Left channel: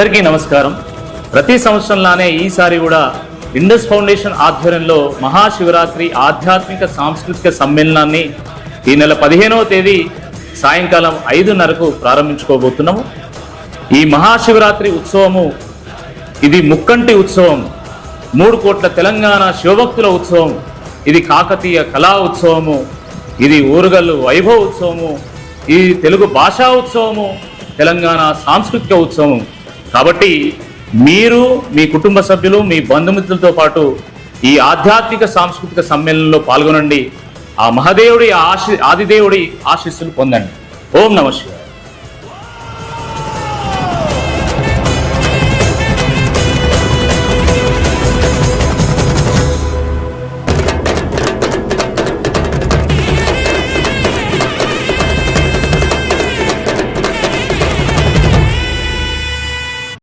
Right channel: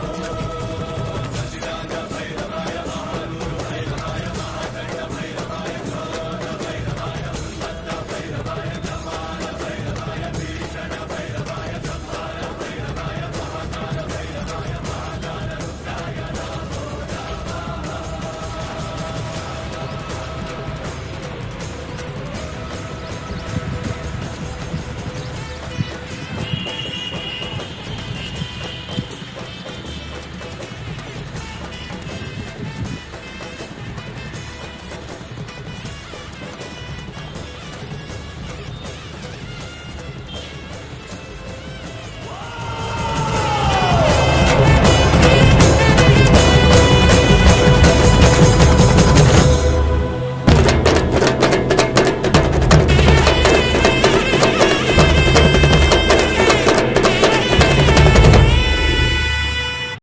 అందరికీ నమస్కారం. ప్రతి సంవత్సరంలానే ఈసారి కూడా ఇండస్ ఫౌండేషన్ ఆధ్వర్యంలో మహాశివరాత్రి ఆధ్యాత్మిక సాంస్కృతిక సమ్మేళనాన్ని ఈ నెల 15వ తేదీ సాయంకాలం 5:30కు ప్రారంభించుకోబోతున్నాము. ఈ మహాశివరాత్రి ఉత్సవము ఇది ముక్కంటి ఉత్సవం, 3 కోట్ల తెలంగాణ శివభక్తుల ఉత్సవం, ఇది కాకతీయ కళా ఉత్సవము, ఇది ఊరుగల్లు వైభవ ఉత్సవము, ఇది తెలుగు భాషా ఉత్సవము, తెలంగాణ సాంస్కృతిక ఉత్సవం. కాబట్టి మీరు మీ కుటుంబ సభ్యులు మీ బంధుమిత్రులతో పాటు ఈ ఆధ్యాత్మిక సాంస్కృతిక సమ్మేళనంలో పాల్గొనండి. ఆ మహాదేవుడి ఆదిదేవుడి ఆశీస్సులు పొందండి. ఓం నమః శివాయ.